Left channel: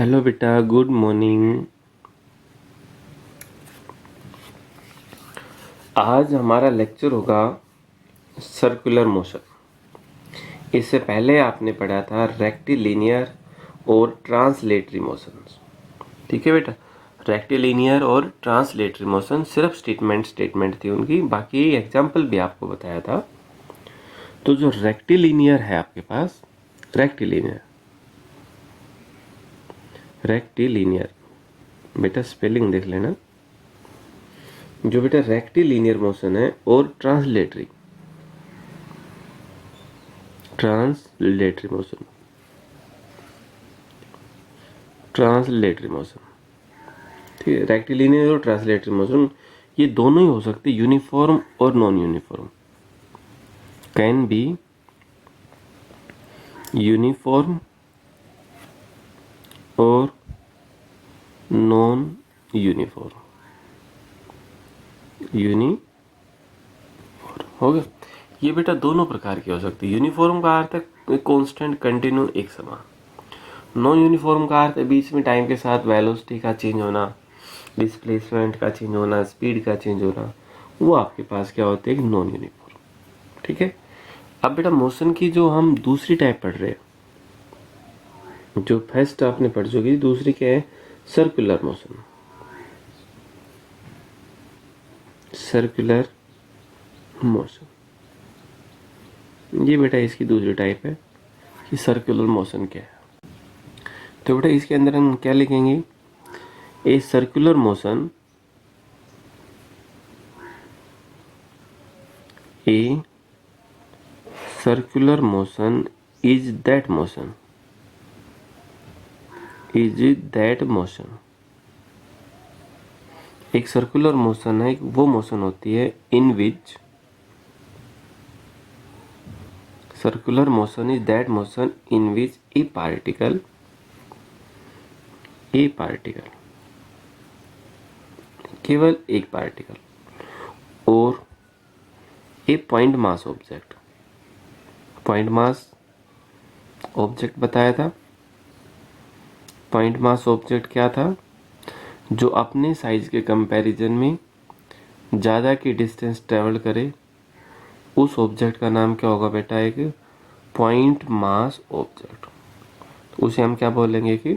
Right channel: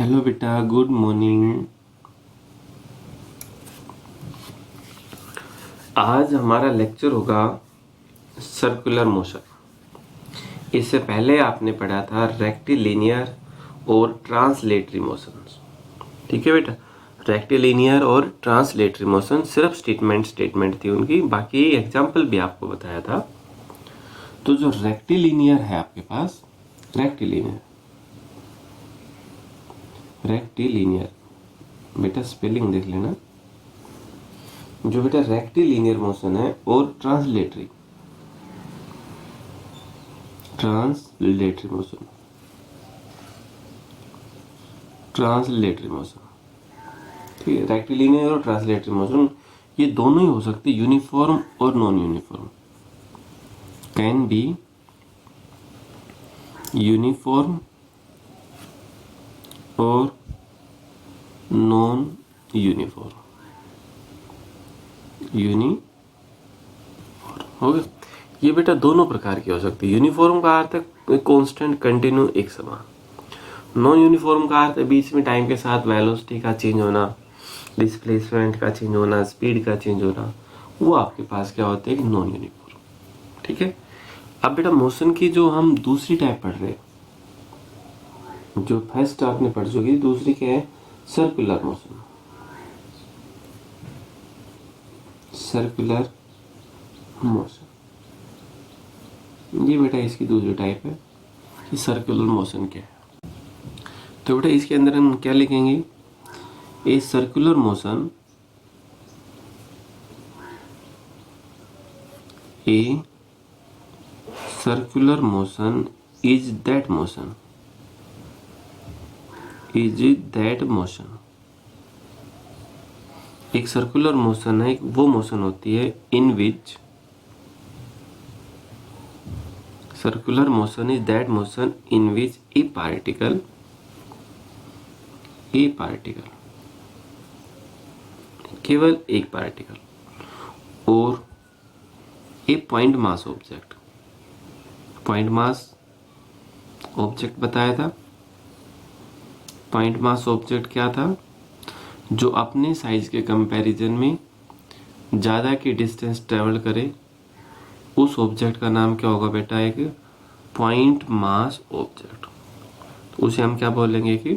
Hello बेटा, good morning. आज हमारा लेक्चर होगा सर्कुलर मोशन। इससे पहले आपने पढ़ा था रेक्टिलिनियर और ट्रांसलेटरी मोशंस। ठीक है बेटा, रेक्टिलिनियर और ट्रांसलेटरी मोशन सिर्फ स्टेटमेंट थी उनकी, बाकी एग्जाम्पल भी आपको बताया था। तो जो रेक्टिलिनियर है आपके पास, रेक्टिलिनियर बेटा स्पेलिंग देख लेना। जो बेटा रेक्टिलिनियर मोशन है और ट्रांसलेटरी मोशन, ठीक है। रेक्टिलिनियर और ट्रांसलेटरी मोशन ये दोनों ही हो सकती है, यूनिफॉर्म और non uniform. Can be uniform और नॉन यूनिफॉर्म। हो गया। ये बेटा दोनों प्रकार की हो सकती है। यूनिफॉर्म का अर्थ है कांस्टेंट, कंटिन्यू, एक समान। नॉन यूनिफॉर्म का अर्थ है बीच में टाइम के साथ वेलोसिटी का चेंज होना, डिस्प्लेसमेंट का चेंज होना, स्पीड का चेंज होना। वो आपके पास क्या होते हैं, नॉन यूनिफॉर्म। ठीक है। अब बेटा मोशन की जो हम दूसरी टाइप पढ़ रहे हैं, जो फर्स्ट आपने पढ़ चुकी, दूसरी क्या है, सर्कुलर मोशन। सर्कुलर मोशन ये बेटा इसकी दूसरी टाइप है कि सर्कुलर मोशन क्या है। तो बेटा इसके अंदर हम क्या लिखेंगे, a circular motion, a circular motion is that motion, एक सर्कुलर मोशन है, वो मोशन होती है in which, circular motion is that motion in which a particle केवल एक पार्टिकल और ए पॉइंट मास ऑब्जेक्ट बताया था। पॉइंट मास ऑब्जेक्ट क्या था, जो अपने साइज के कंपैरिजन में ज़्यादा की डिस्टेंस ट्रेवल करे, उस ऑब्जेक्ट का नाम क्या होगा बेटा, एक पॉइंट मास ऑब्जेक्ट। तो उसे हम क्या बोलेंगे कि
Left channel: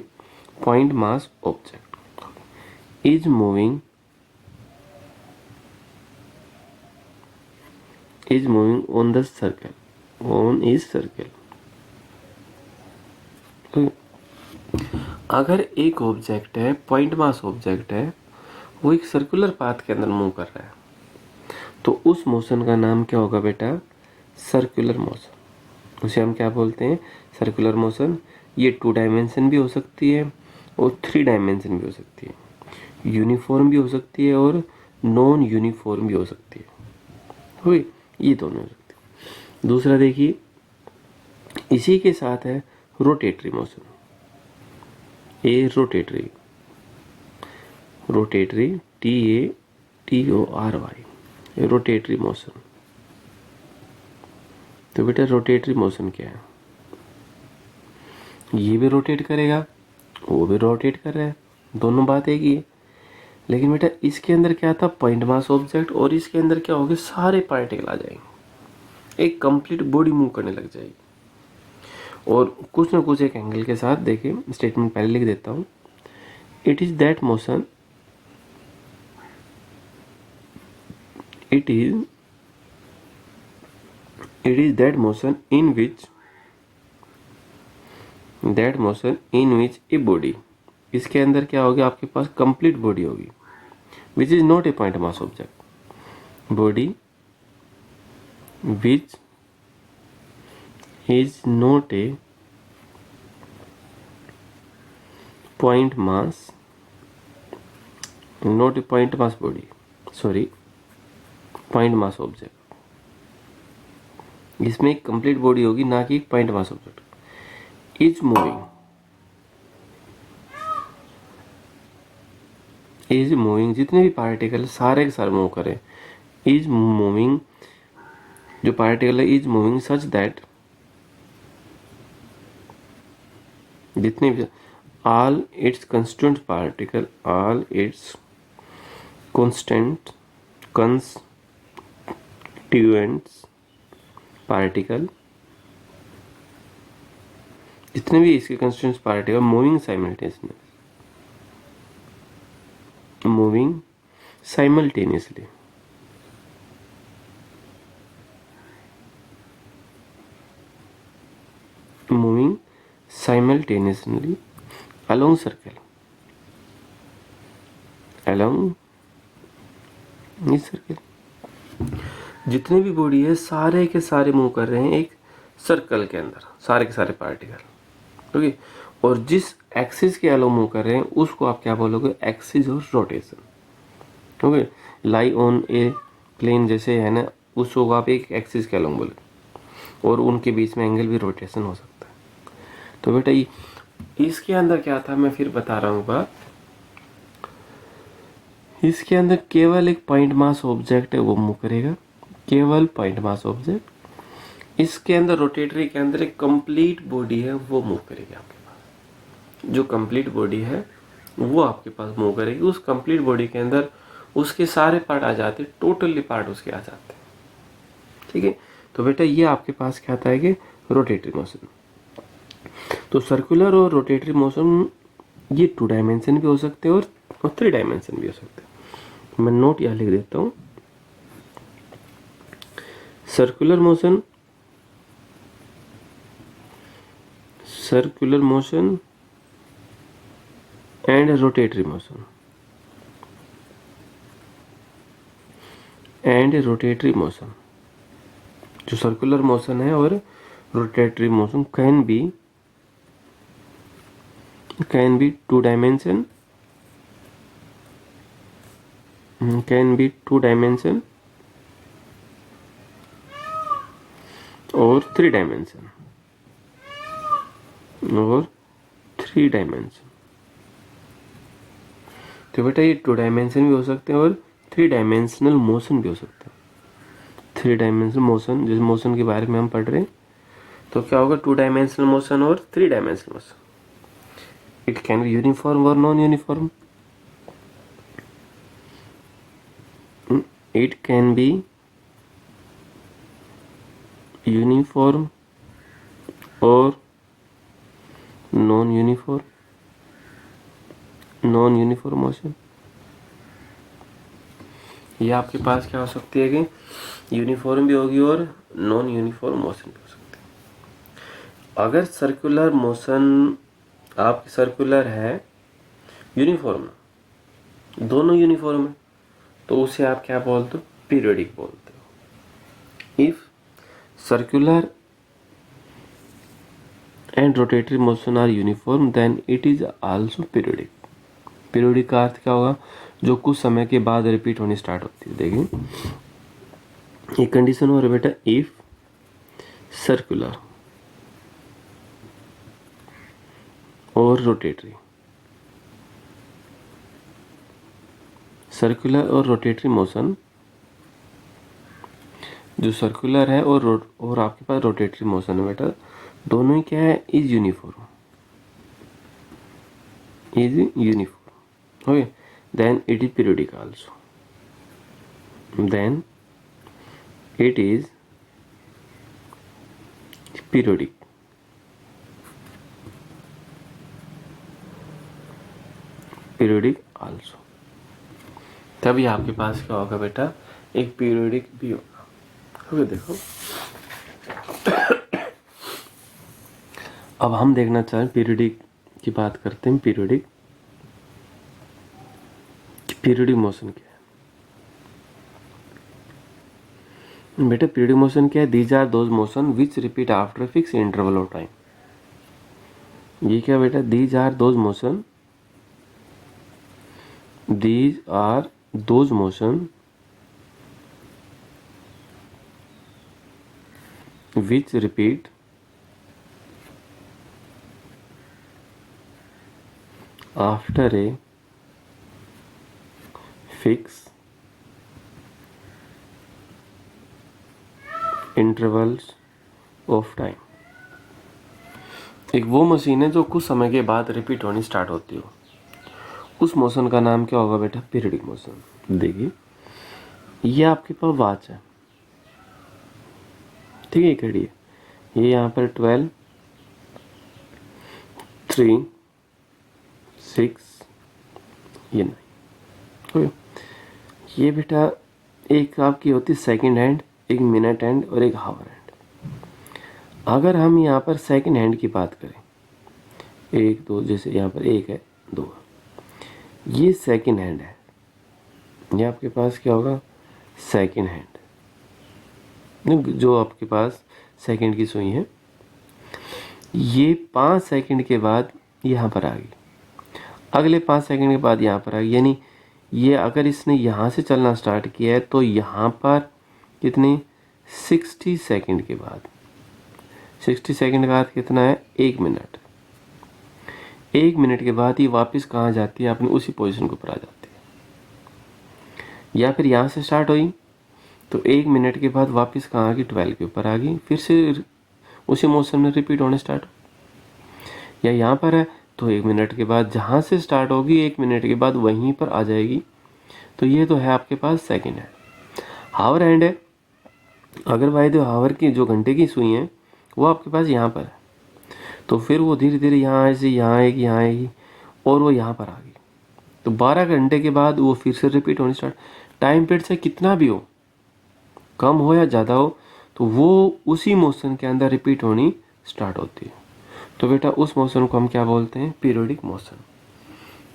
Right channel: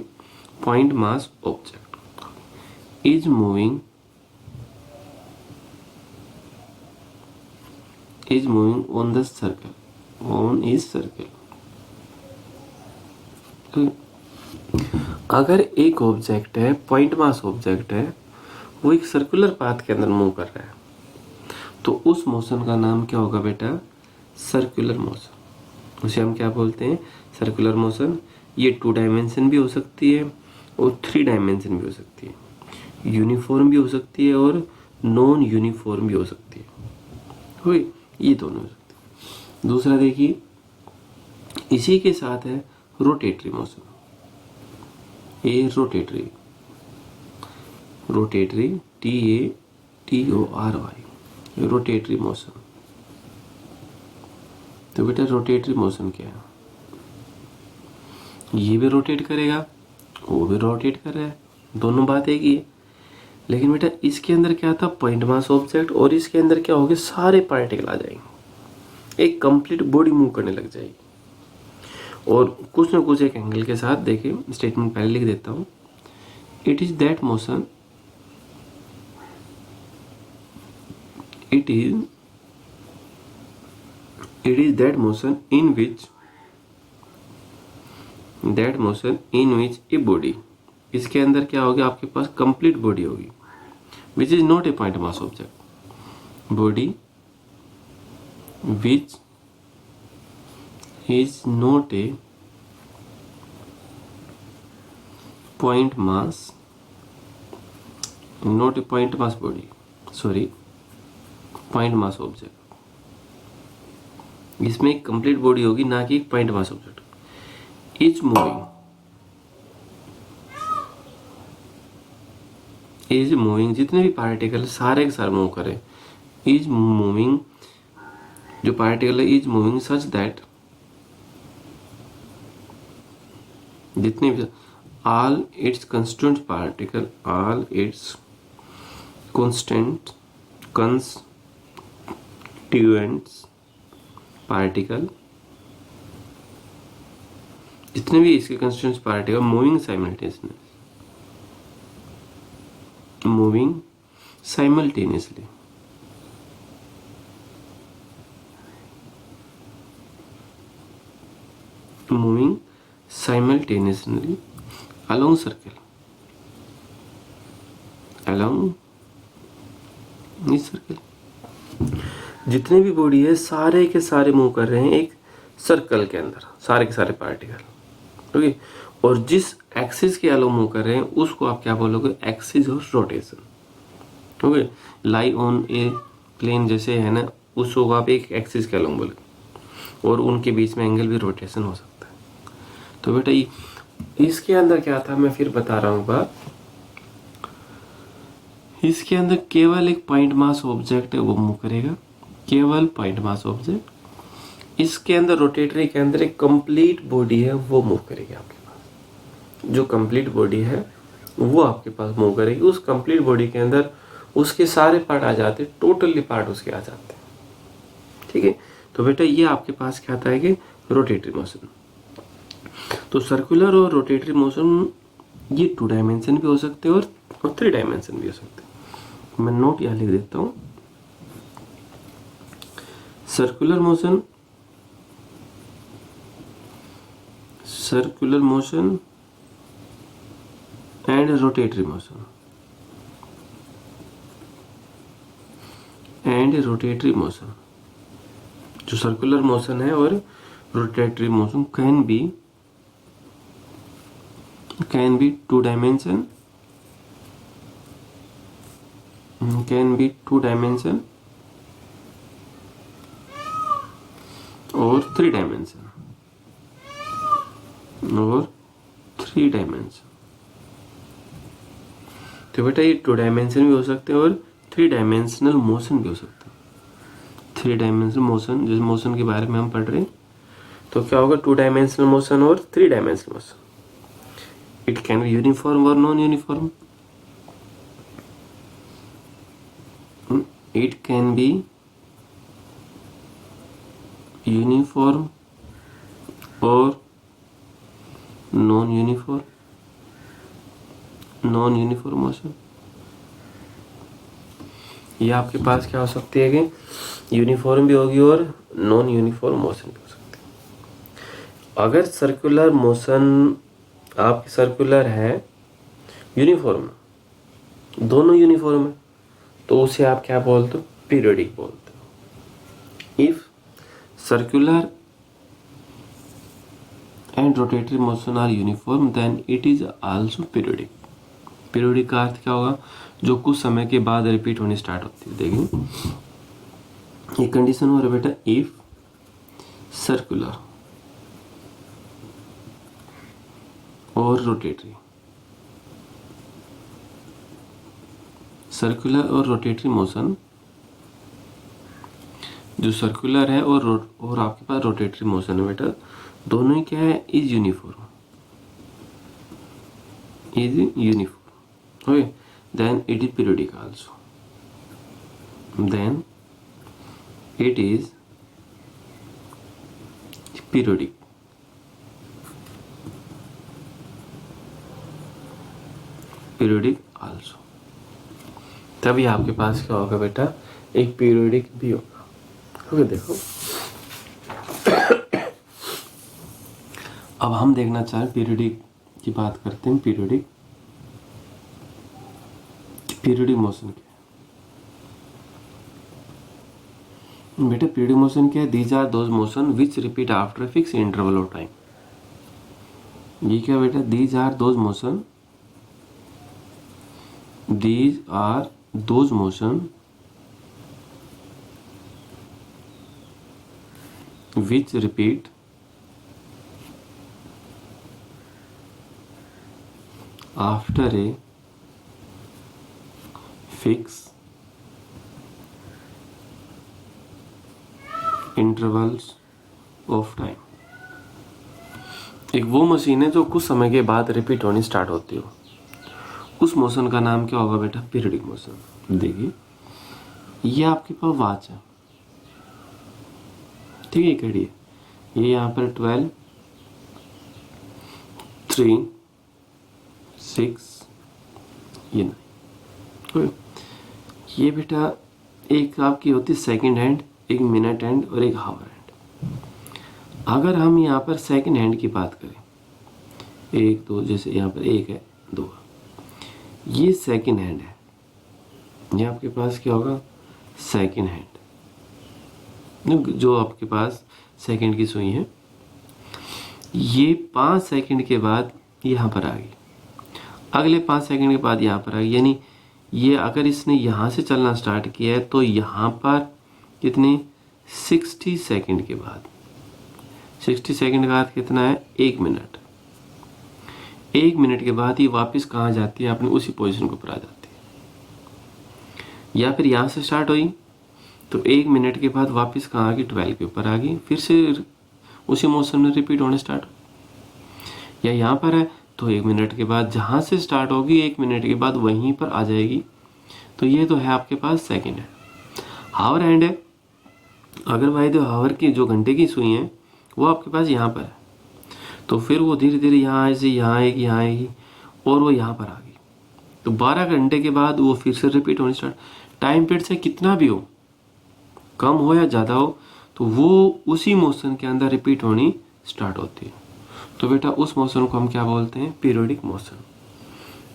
point mass object is moving on the circle, तो अगर एक ऑब्जेक्ट है, पॉइंट मास ऑब्जेक्ट है, वो एक सर्कुलर पाथ के अंदर मूव कर रहा है, तो उस मोशन का नाम क्या होगा बेटा, सर्कुलर मोशन। उसे हम क्या बोलते हैं, सर्कुलर मोशन। ये 2 डायमेंशन भी हो सकती है और 3 डायमेंशन भी हो सकती है, यूनिफॉर्म भी हो सकती है और नॉन यूनिफॉर्म भी हो सकती है। हुई, ये दोनों हो सकती है। दूसरा देखिए, इसी के साथ है रोटेटरी मोशन। ए रोटेटरी TATORY, रोटेटरी मोशन। तो बेटा रोटेटरी मोशन क्या है, ये भी रोटेट करेगा, वो भी रोटेट कर रहा है, दोनों बात एक ही है। लेकिन बेटा इसके अंदर क्या था, पॉइंट मास ऑब्जेक्ट, और इसके अंदर क्या होगा, सारे पार्टिकल आ जाएंगे, एक कंप्लीट बॉडी मूव करने लग जाएगी। और कुछ ना कुछ एक एंगल के साथ, देखिए स्टेटमेंट पहले लिख देता हूँ। It is that motion in which a body, इसके अंदर क्या होगी, आपके पास कंप्लीट बॉडी होगी, which is not a point mass object, body which is not a point mass object. इसमें एक कंप्लीट बॉडी होगी, ना कि point mass object. Is moving, जितने भी पार्टिकल सारे के सारे मूव करें, इज मूविंग, जो पार्टिकल है इज मूविंग सच दैट, जितने भी all its constituent particle, all its constant constituents particle, जितने भी इसके constituents particle moving simultaneously along circle, along इस सर्कल, जितने भी बॉडी है सारे के सारे मूव कर रहे हैं एक सर्कल के अंदर, सारे के सारे पार्टिकल। ओके, और जिस एक्सिस के अलो मूव कर रहे हैं उसको आप क्या बोलोगे, axis of rotation. Okay, lie on a plane जैसे है ना, उसको आप एक एक्सिस के अलो बोलोगे, और उनके बीच में एंगल भी रोटेशन हो सकता है। तो बेटा इसके अंदर क्या था, मैं फिर बता रहा हूँ बात। इसके अंदर केवल एक पॉइंट मास ऑब्जेक्ट है, वो मूव करेगा, केवल पॉइंट मास ऑब्जेक्ट। इसके अंदर रोटेटरी के अंदर एक कंप्लीट बॉडी है, वो मूव करेगी आपके पास। जो कंप्लीट बॉडी है वो आपके पास मूव करेगी। उस कंप्लीट बॉडी के अंदर उसके सारे पार्ट आ जाते, टोटली पार्ट उसके आ जाते हैं। ठीक है, तो बेटा ये आपके पास क्या आता है कि रोटेटरी मोशन। तो सर्कुलर और रोटेटरी मोशन ये 2 डायमेंशन भी हो सकते हैं और 3 डायमेंशन भी हो सकते हैं। मैं नोट यहां लिख देता हूं, circular motion and rotatory motion, जो सर्कुलर मोशन है और rotatory motion can be 2 dimension, और 3 डायमेंशन, तो बेटा ये 2 डायमेंशन भी हो सकते हैं और 3 डायमेंशनल मोशन भी हो सकते हैं। 3 डायमेंशनल मोशन, जिस मोशन के बारे में हम पढ़ रहे हैं, तो क्या होगा, 2 डायमेंशनल मोशन और 3 dimensional motion. It can be uniform और non uniform. It can be uniform or non-uniform motion। ये आपके पास क्या हो सकती है कि यूनिफॉर्म भी होगी और नॉन यूनिफॉर्म मोशन भी हो सकती है। अगर सर्कुलर मोशन आपकी सर्कुलर है, यूनिफॉर्म, दोनों यूनिफॉर्म है, तो उसे आप क्या बोलते हो, पीरियोडिक बोलते हो। If circular and rotatory motion are uniform then it is also periodic. Periodic का अर्थ क्या होगा, जो कुछ समय के बाद रिपीट होनी स्टार्ट होती है। देखिए ये कंडीशन हो रहा है बेटा, इफ सर्कुलर और रोटेटरी, सर्कुलर और रोटेटरी मोशन, जो सर्कुलर है और आपके पास रोटेटरी मोशन है बेटा, दोनों ही क्या है, is uniform, okay, then it is periodic also, then it is periodic. Also, तभी आपके पास क्या होगा बेटा, एक पीरियोडिक भी होगा। ओके, देखो अब हम देखना चाहें पीरियोडिक की बात करते हैं। पीरियोडिक मोशन क्या है बेटा, पीरियोडिक मोशन क्या है, these are those motions which repeat after fix interval of time. ये क्या बेटा, these are those motions which repeat after a fixed intervals of time। एक वो मशीन है जो कुछ समय के बाद रिपीट होनी स्टार्ट होती हो, उस मोशन का नाम क्या होगा बेटा? Periodic motion. देखिए ये आपके पास वॉच है, ठीक है, घड़ी है, ये यहाँ पर 12, 3, 6, ये नहीं, ये बेटा एक आपकी होती सेकंड हैंड, एक मिनट हैंड और एक हावर हैंड। अगर हम यहाँ पर सेकंड हैंड की बात करें, 1 2, जैसे यहाँ पर 1 है, 2, ये सेकंड हैंड है, ये आपके पास क्या होगा? सेकंड हैंड, जो आपके पास सेकंड की सुई है, ये 5 सेकंड के बाद यहाँ पर आ गई, अगले 5 सेकंड के बाद यहाँ पर आ गई, यानी ये अगर इसने यहाँ से चलना स्टार्ट किया है तो यहाँ पर कितनी 60 सेकंड के बाद, 60 सेकंड के बाद कितना है? 1 मिनट। 1 मिनट के बाद ये वापस कहाँ जाती है? अपनी उसी पोजीशन के ऊपर आ जाती है। या फिर यहाँ से स्टार्ट हुई तो 1 मिनट के बाद वापस कहाँ आ गई? 12 के ऊपर आ गई, फिर से उसी मोशन में रिपीट होने स्टार्ट। या यहाँ पर है तो 1 मिनट के बाद जहाँ से स्टार्ट होगी 1 मिनट के बाद वहीं पर आ जाएगी। तो ये तो है आपके पास सेकंड हैंड। हावर हैंड है, अगर वायदे हावर की जो घंटे की सुई है वो आपके पास यहाँ पर है, तो फिर वो धीरे धीरे यहाँ से यहाँ आएगी और वो यहाँ पर आ गई, तो 12 घंटे के बाद वो फिर से रिपीट होनी स्टार्ट। टाइम पीरियड से कितना भी हो, कम हो या ज़्यादा हो, तो वो उसी मोशन के अंदर रिपीट होनी स्टार्ट होती है। तो बेटा उस मोशन को हम क्या बोलते हैं? Periodic motion.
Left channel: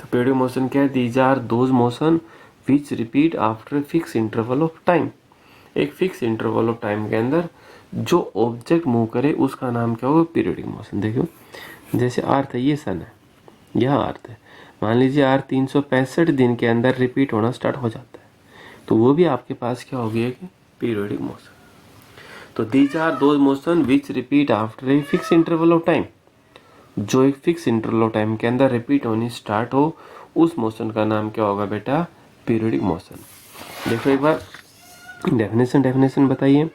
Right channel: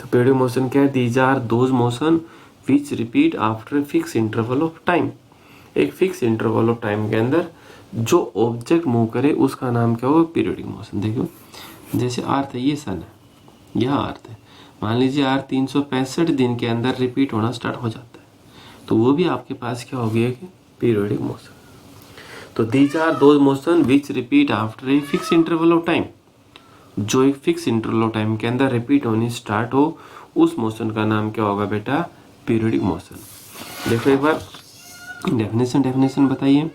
तो पीरियडिक मोशन क्या है? These are those motions which repeat after fix interval of time. एक फिक्स इंटरवल ऑफ टाइम के अंदर जो ऑब्जेक्ट मूव करे उसका नाम क्या होगा? Periodic motion. देखो जैसे अर्थ है, ये सन है, यह अर्थ है, मान लीजिए अर्थ 365 दिन के अंदर रिपीट होना स्टार्ट हो जाता है, तो वो भी आपके पास क्या हो गया कि पीरियडिक मोशन। तो these are those motions which repeat after a fix interval of time, जो एक फिक्स इंटरवल ऑफ टाइम के अंदर रिपीट होनी स्टार्ट हो, उस मोशन का नाम क्या होगा बेटा? Periodic motion. देखो एक बार डेफिनेशन बताइए।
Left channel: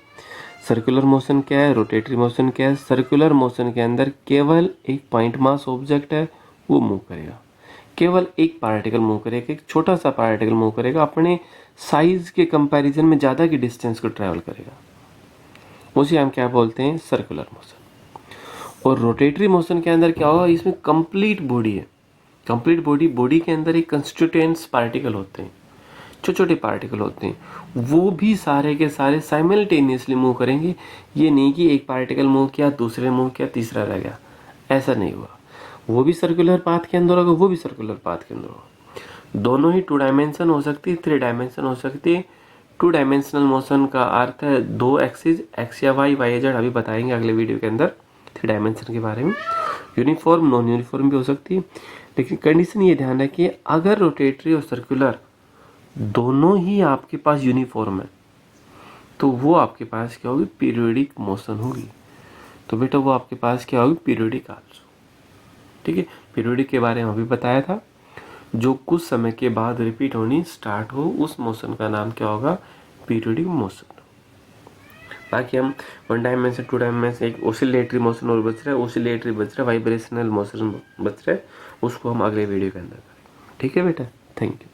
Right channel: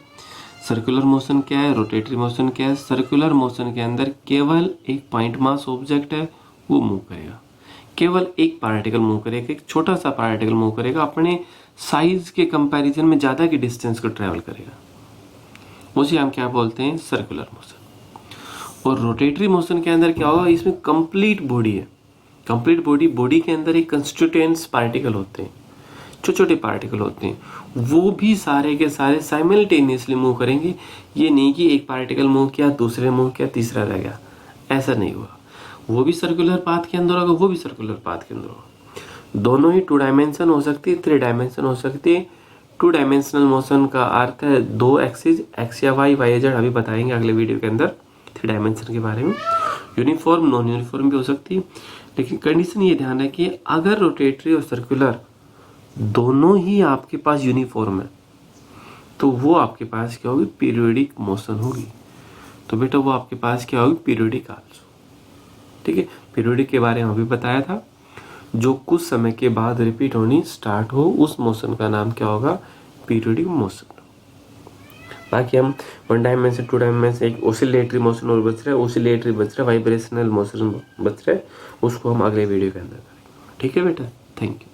सर्कुलर मोशन क्या है? रोटेटरी मोशन क्या है? सर्कुलर मोशन के अंदर केवल एक पॉइंट मास ऑब्जेक्ट है, वो मूव करेगा, केवल एक पार्टिकल मूव करेगा, एक छोटा सा पार्टिकल मूव करेगा, अपने साइज के कंपैरिजन में ज़्यादा की डिस्टेंस को ट्रैवल करेगा, उसे हम क्या बोलते हैं? Circular motion. और रोटेटरी मोशन के अंदर क्या होगा? इसमें कंप्लीट बॉडी है, कंप्लीट बॉडी के अंदर एक कंस्टिट्यूएंट्स पार्टिकल होते हैं, छोटे छोटे पार्टिकल होते हैं, वो भी सारे के सारे साइमल्टेनियसली मूव करेंगे। ये नहीं कि एक पार्टिकल मूव किया, दूसरे मूव किया, तीसरा रह गया, ऐसा नहीं हुआ। वो भी सर्कुलर पाथ के अंदर होगा, वो भी सर्कुलर पाथ के अंदर होगा। दोनों ही 2 डायमेंशन हो सकती है, 3 डायमेंशन हो सकती है। 2 डायमेंशनल मोशन का अर्थ है 2 एक्सिस, एक्स या वाई, वाई जेड, अभी बताएंगे अगले वीडियो के अंदर 3 डायमेंशन के बारे में। यूनिफॉर्म, नॉन यूनिफॉर्म भी हो सकती है, लेकिन कंडीशन ये ध्यान रखिए, अगर रोटेटरी और सर्कुलर दोनों ही आपके पास यूनिफॉर्म है तो वो आपके पास क्या होगी? पीरियडिक मोशन होगी। तो बेटा वो आपके पास क्या होगी? Periodic also. ठीक है, पीरियडिक के बारे में अभी बताया था, जो कुछ समय के बाद रिपीट होनी स्टार्ट हो, उस मोशन का नाम क्या होगा? Periodic motion. बाकी हम 1 डायमेंशन, 2 डायमेंशन, एक ओसिलेटरी मोशन और बच रहा है, ओसिलेटरी बच रहा है, वाइब्रेशनल मोशन बच रहा है, उसको हम अगले वीडियो के अंदर करेंगे। ठीक है बेटा, थैंक यू।